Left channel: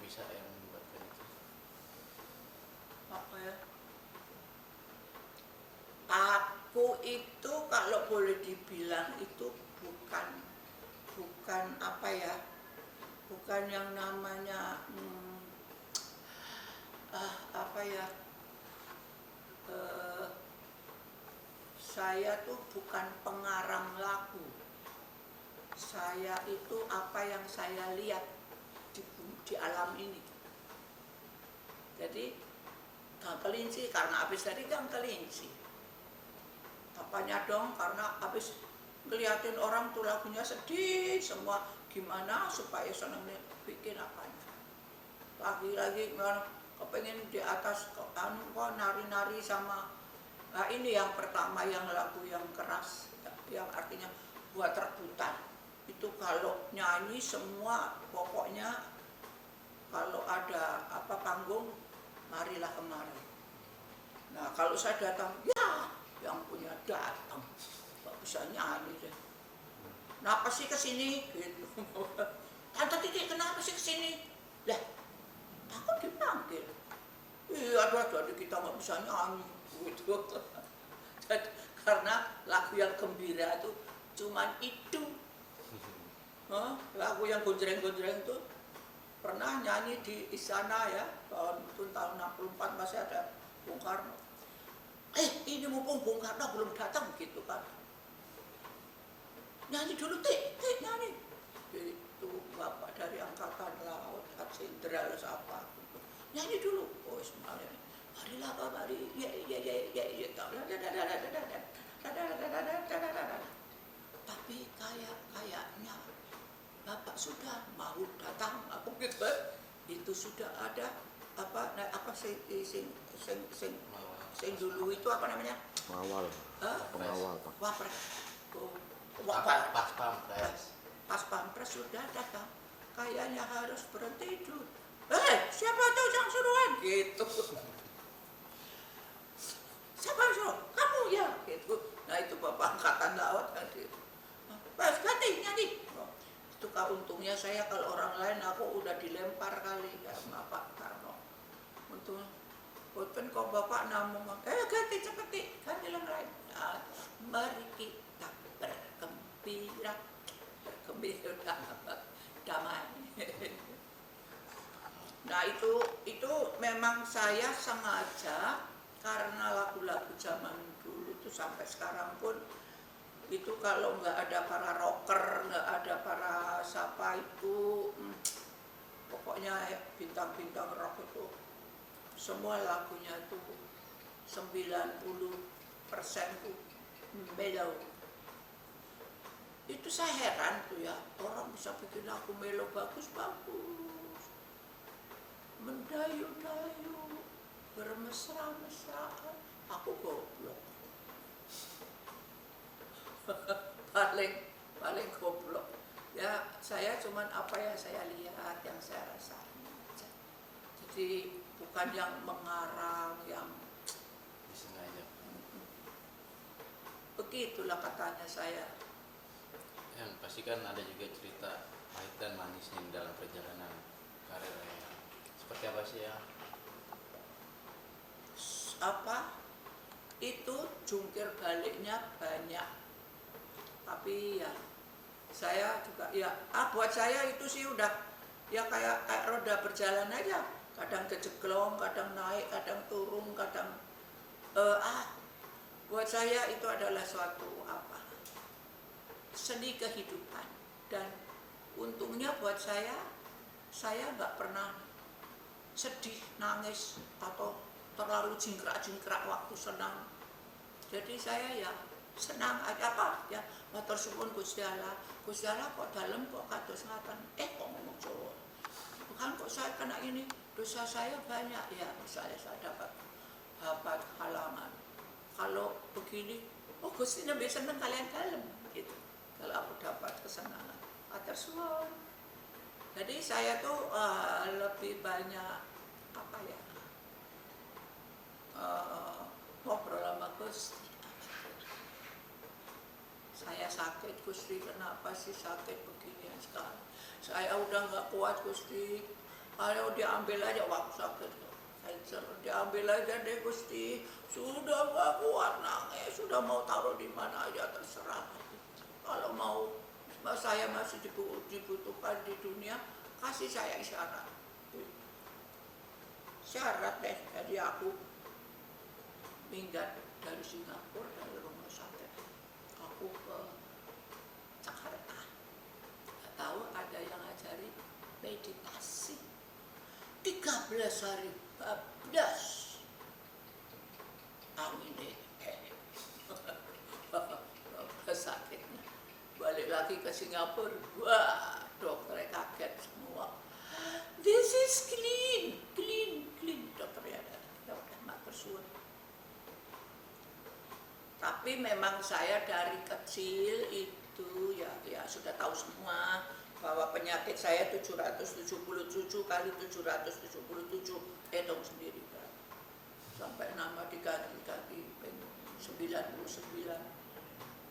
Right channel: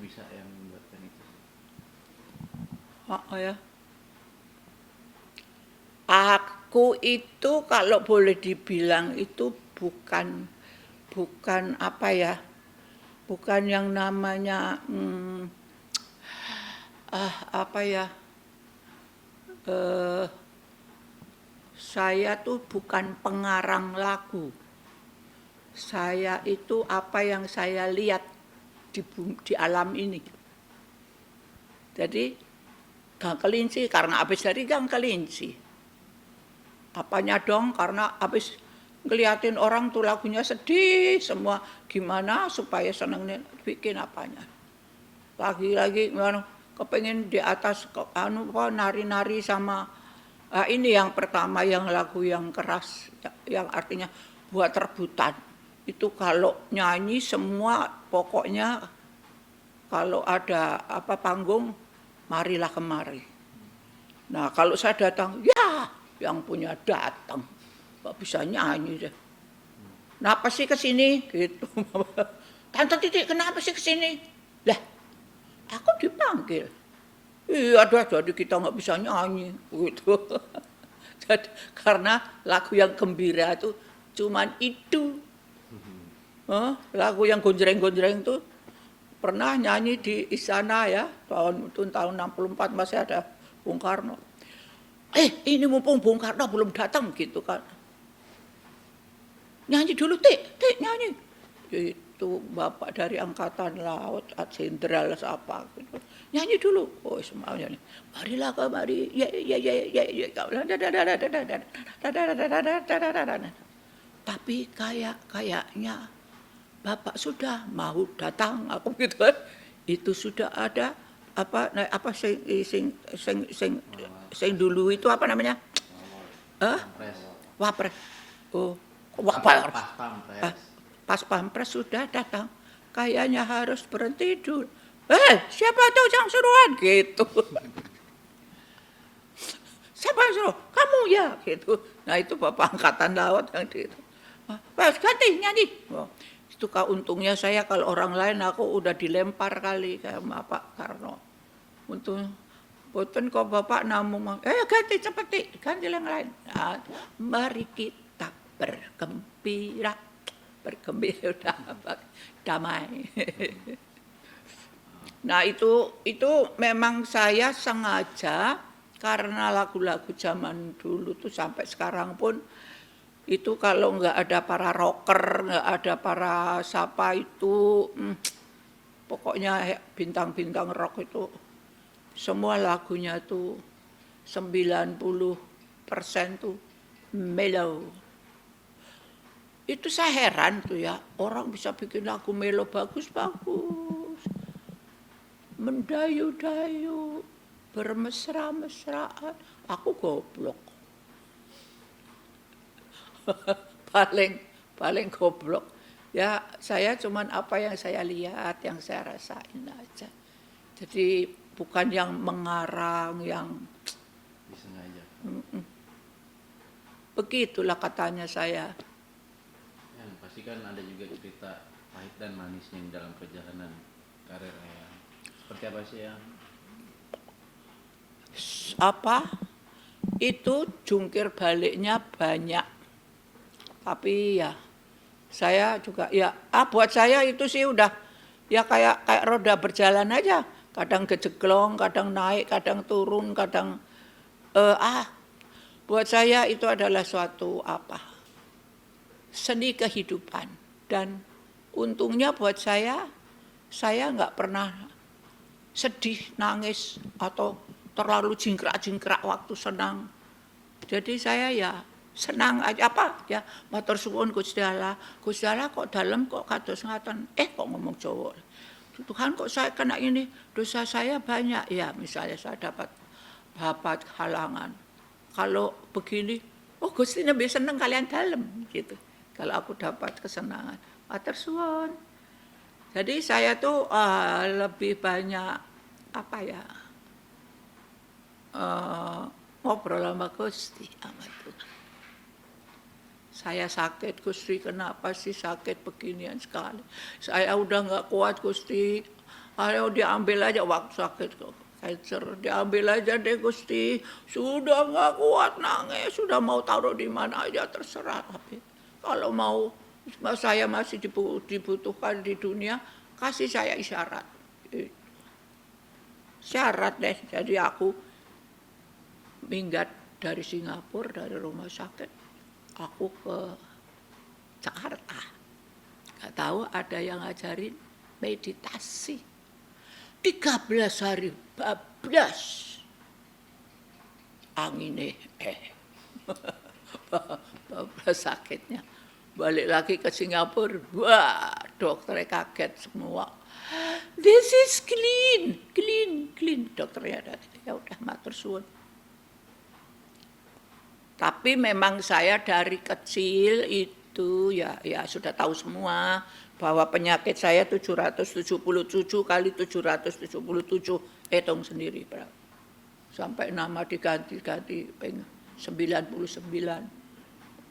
bisa yang menyebabkan itu? Oh ya. Aku itu kalau boleh dibilang itu bukan apa ya, bukan yang namanya apa ya, eh, saya tuh bukan pengarang lagu. Saya itu apa yang saya lihat di alam ini. Jadi Gang Kelinci karena habis dari Gang Kelinci. Apanya dong karena habis ngeliatin orang tuh lagunya sedih semua, gimana supaya seneng bikin apanya. Lagi-lagi gimana kepengen di atas nari-nari sama ini yang pertama yang lagu yang keras yang artinya buat rebutan. Itu kalau nyanyi semua pokoknya kalau ada apa panggung marilah kemari. Nah kalau saya datang ya yang punya datang nggak bisa nyanyi deh. Kenapa sih kesini gitu? Tante Titik kenapa sih kesini? Lah aku dipanggil. Iya dah jadi kita nggak bisa nyanyi gitu. Jadi, karena lagu yang gembira itu cuman itu. Lagu yang gonjreng-gonjreng itu pernah nyanyi di istana ya tahun 64 masih ada Bung Karno. Ini mumpung Bung Karno belum datang gitu kan. Nyanyi dulu Tik nyanyi. Itu bapak dari angkatan laut, jenderal apa gitu. Nyanyi dulu. Oh semuanya nih. Marilah kemari. Ya. Tapi kayaknya bapak sudah mau datang aku gitu. Itu sudah ada apa sing dulu itu apa namanya? Wapres. Oh, Wapres. Pas Pampres sudah datang. Kayaknya harus berhenti dulu. Siapa tuh yang suruhan gitu. Siapa yang suruh? Kamu ya gitu. Nah itu bapak angkatan laut yang itu. Ganti nyanyi. Itu untungnya saya kalau orang lain aku udah dilempar kali sama Pak Karno. Untung boten kok bapak namung ganti cepet ganti yang lain. Nah, mari kita bergembira udah damai. Nah itu memang saya sengaja karena lagu-lagu zaman dulu tuh sampai sekarang pun itu kalau nggak ada para rocker, nggak ada para siapa itu, pokoknya bintang-bintang rock itu semua lagunya tuh 90% tuh mellow. Itu saya heran tuh ya, orang bisa bikin lagu mellow bagus-bagus. Mendayu-dayu, bermesra-mesraan, aku goblok. paling goblok. Ya saya cuman apa yang saya lihat, yang saya rasain aja. Jadi bukan yang mengarang, yang disengaja. Begitulah katanya saya. Yang pasti kan ada juga cerita pahit dan manisnya dalam perjalanan karirnya. Seperti apa sih ya? Apa? Itu jungkir baliknya banyak. Tapi ya saya juga ya buat saya itu sih udah ya kayak roda berjalan aja. Kadang kejeglong, kadang naik, kadang turun, kadang buat saya itu adalah suatu seni kehidupan. Dan untungnya buat saya nggak pernah sedih, nangis atau terlalu jingkrak-jingkrak waktu senang. Jadi saya ya senang aja ya matur suwun Gusti Allah kok dalam kok kados ngaten. Kok ngomong Jawa. Tuhan kok saya kena ini, dosa saya banyak ya, misalnya saya dapat halangan. Kalau begini, Gusti lebih seneng kalian dalam gitu. Kalau aku dapat kesenangan, matur suwun. Jadi saya tuh lebih banyak ngobrol sama Gusti. Saya sakit Gusti, kenapa sih sakit beginian sekali? Saya udah nggak kuat Gusti. Ayo diambil aja waktu sakit kok. Cancer, diambil aja deh Gusti. Sudah nggak kuat nangis, sudah mau taruh di mana aja terserah. Tapi kalau mau saya masih dibutuhkan di dunia, kasih saya isyarat. Syarat deh. Jadi aku minggat dari Singapura, dari rumah sakit, aku ke Jakarta. Nggak tahu ada yang ngajarin meditasi. 13 hari bablas anginnya bablas sakitnya. Balik lagi ke Singapura, wah dokternya kaget semua. This is clean dokternya. Ya udah matur suwun. Tapi memang saya dari kecil itu ya sudah tahu semua bahwa penyakit saya 777 kali 777, hitung sendiri berapa. Sampai nama diganti 99.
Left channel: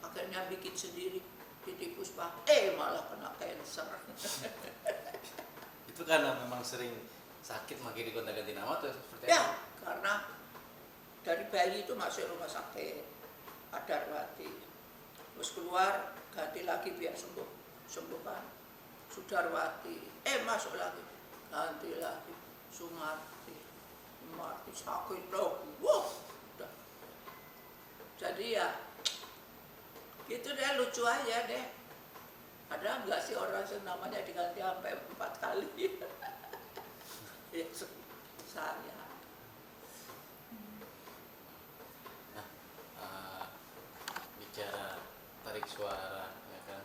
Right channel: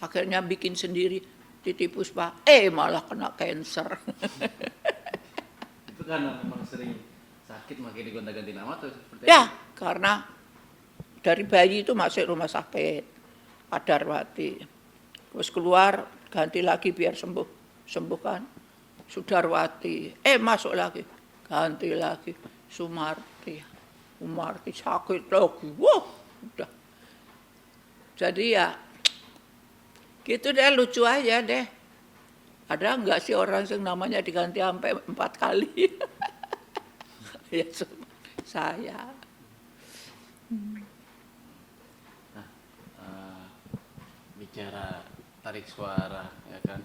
Akhirnya bikin sendiri, ditipu Pak, malah kena cancer. Itu kan memang sering sakit makanya digonta-ganti nama tuh seperti Ya, karena dari bayi itu masuk rumah sakit Padarwati. Terus keluar ganti lagi biar sembuh kan. Sudarwati, masuk lagi, ganti lagi, Sumarti sakit lagi, wah, udah. Jadi ya, gitu deh, lucu aja deh. Ada nggak sih orang yang namanya diganti sampai 4 kali? Ya saya. Bicara tarik suara, ya kan?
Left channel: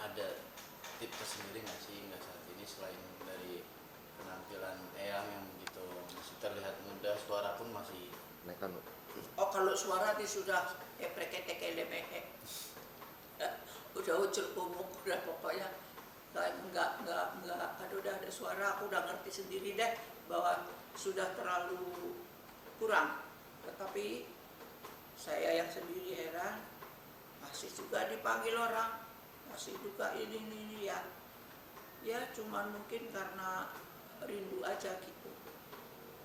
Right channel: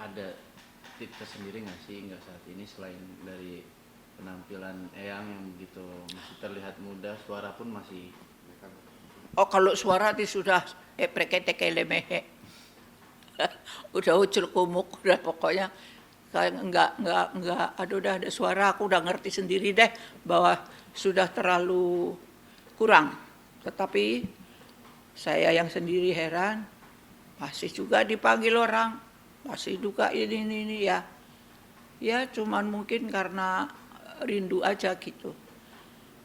Ada tips tersendiri nggak sih saat ini selain dari penampilan Eyang yang begitu masih terlihat muda, suara pun masih Oh kalau suara itu sudah prekete-kelemehe. Udah ucul kumuk, udah pokoknya kayak enggak, aduh udah ada suara, aku udah ngerti sendiri deh bahwa sudah terlalu kurang. Tetapi saya yang sendiri heran, masih juga dipanggil orang, masih juga ini ya. Ya cuman mungkin karena rindu aja gitu.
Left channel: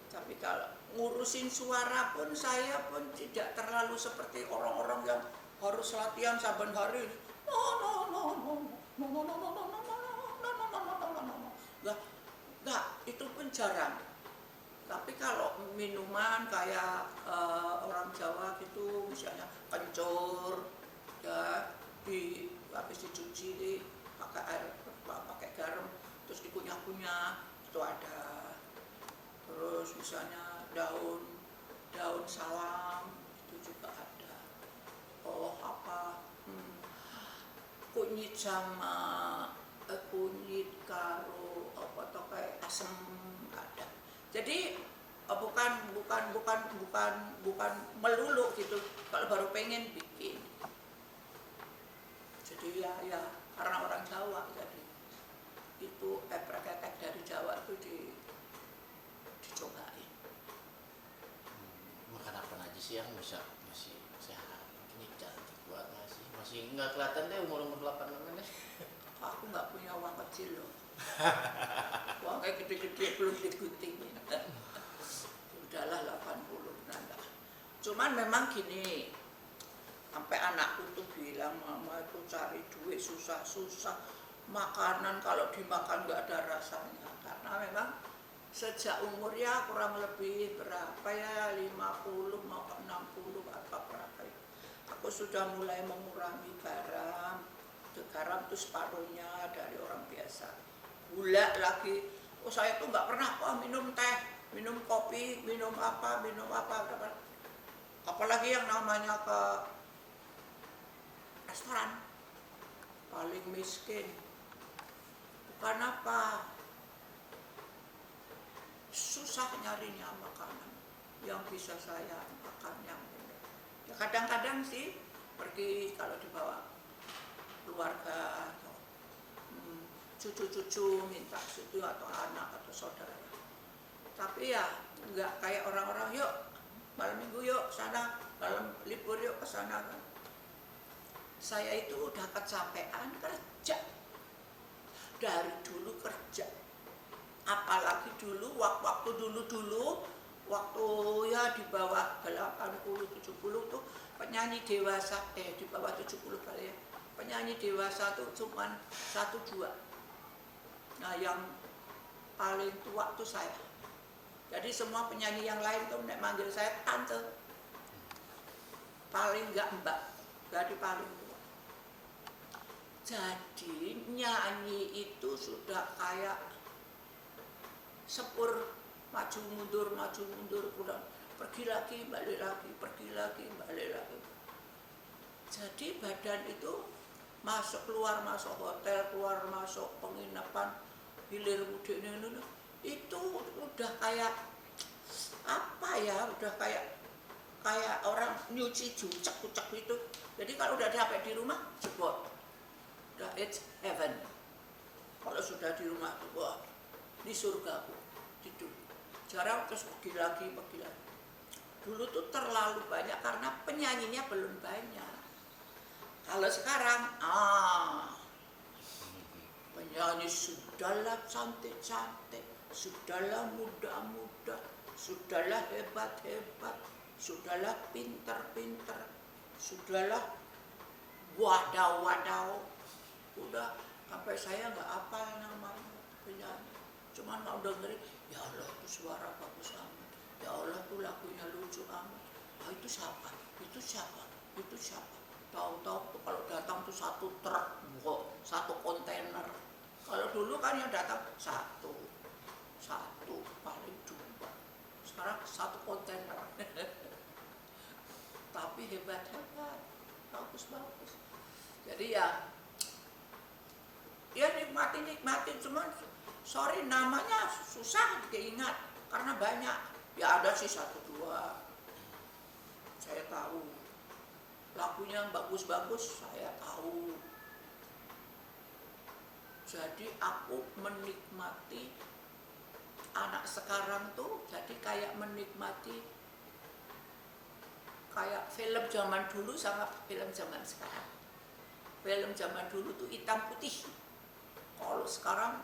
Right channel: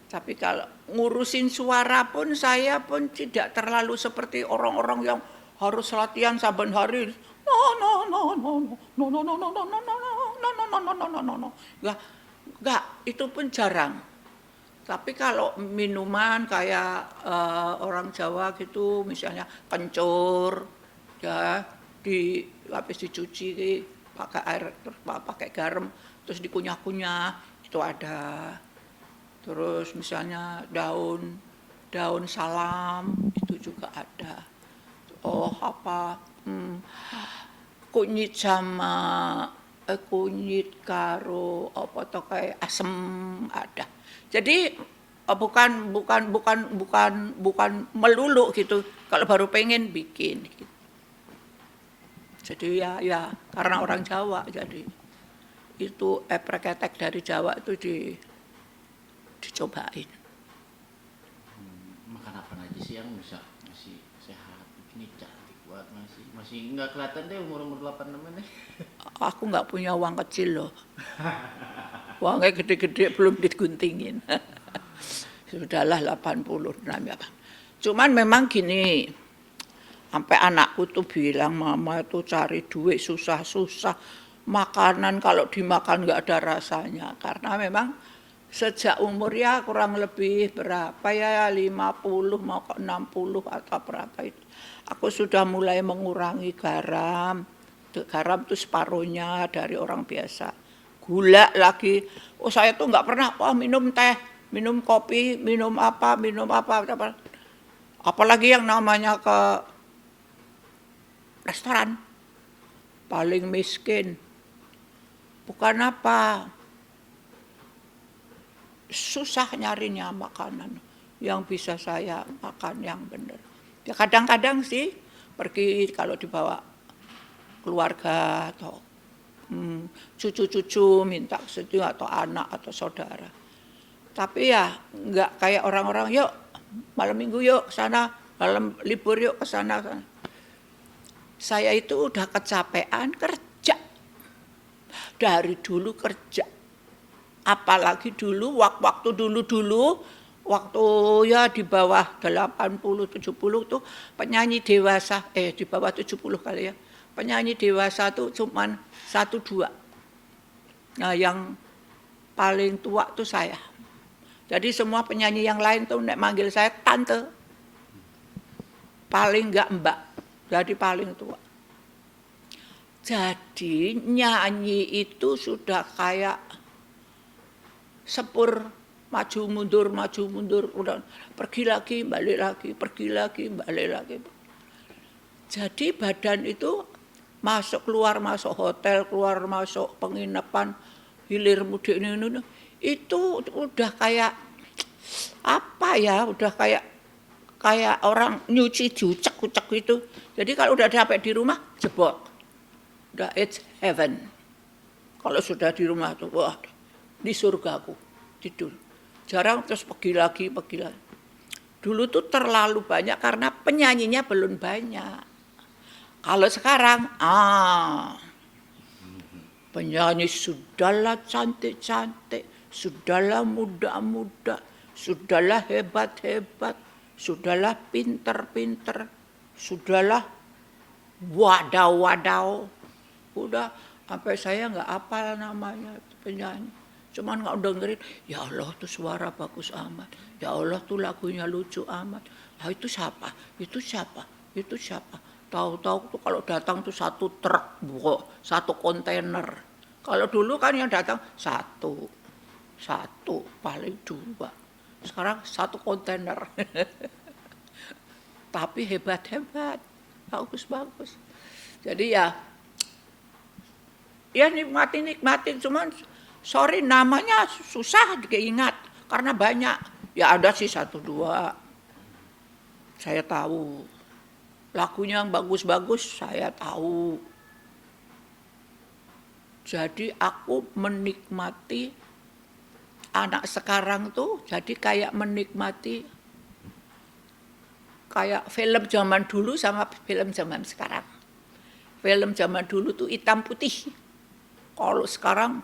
Tapi kalau ngurusin suara pun saya pun tidak terlalu seperti orang-orang yang harus latihan saben hari. Enggak, itu pun jarang. Tapi kalau minuman kayak orang Jawa gitu, misalnya kencur, ya habis dicuci pakai air, pakai garam, terus dikunyah-kunyah, itu ada. Terus misalnya daun salam itu juga ada. Kunyit sama kunyit karo apa to kayak asem ada. Jadi bukan melulu gitu. Kalau baru pengen bikin. Jadi ya karena orang Jawa jadi itu eprek-etek dari Jawa itu dicobain. Makan apa aja sih yang bisa masih sehat, ini cantik banget masih nggak kelihatan deh umur 86 deh. Aku nggak punya uang kecil loh. Uangnya gede-gede belum diguntingin. Sudahlah 86 ya. Cuman memang gini, sampai anakku tuh bilang mama itu cari duit susah-susah. Makanan kalau dimakan nggak ada rasanya. Karena memang sejak umur ya kurang lebih berapa ya 50 mau ke 60 atau berapa itu. Aku sudah mulai mengurangi garam. Garam itu separuhnya dari orang biasa. Gula lagi. Oh saya tuh nggak pernah minum teh, minum kopi, minum apa. Apalagi yang namanya ke restoran. Paling miskin. Bukan apa. Susah nyarinya makanan yang bisa saya makan yang benar. Ya kadang-kadang sih pergi kalau dibawa keluarga atau cucu-cucu minta setuju atau anak atau saudara. Tapi ya enggak kayak orang-orang yuk malam minggu yuk sana, malam libur yuk ke sana. Saya itu udah kecapean kerja. dari dulu kerja. Apalagi dulu, waktu dulu, waktu ya di bawah 80-70 tuh penyanyi dewasa, di bawah 70 kali ya, penyanyi dewasa tuh cuman 1-2. Nah yang paling tua tuh saya. Jadi semua penyanyi yang lain tuh nek manggil saya tante. Paling enggak mbak, jadi paling tua. Jadi nyanyi itu sudah kayak sepur, maju mundur, udah pergi lagi, balik lagi, pergi lagi, balik lagi. Jadi badan itu masuk keluar masuk hotel, keluar masuk penginapan, hilir mudik ini itu udah kayak apa ya, udah kayak orang nyuci diucek-ucek gitu. Jadi kalau udah sampai di rumah jebol, udah it's heaven. Kalau sudah di rumah tuh wah di surgaku tidur. Jarang terus pergi lagi. Dulu tuh terlalu banyak karena penyanyinya belum banyak. Kalau sekarang penyanyi sudahlah cantik-cantik, sudahlah muda-muda, sudahlah hebat-hebat, sudahlah pinter-pinter, sudahlah wadaw. Udah sampai saya nggak hafal namanya penyanyi. Cuman nggak dengerin, ya Allah tuh suara bagus amat, ya Allah tuh lagunya lucu amat. Ah itu siapa? Tahu-tahu tuh kalau datang tuh satu truk, satu kontainer. Kalau dulu kan yang datang satu paling 2. Sekarang satu kontainer. Tapi hebat-hebat, bagus. Jadi ya nikmatin cuman sorry namanya susah diingat karena banyak. Ya ada sih 1-2 saya tahu. Lagunya yang bagus-bagus saya tahu. Jadi aku menikmati anak sekarang tuh jadi kayak menikmati kayak film zaman dulu sama film zaman sekarang. Film zaman dulu tuh hitam putih. Kalau sekarang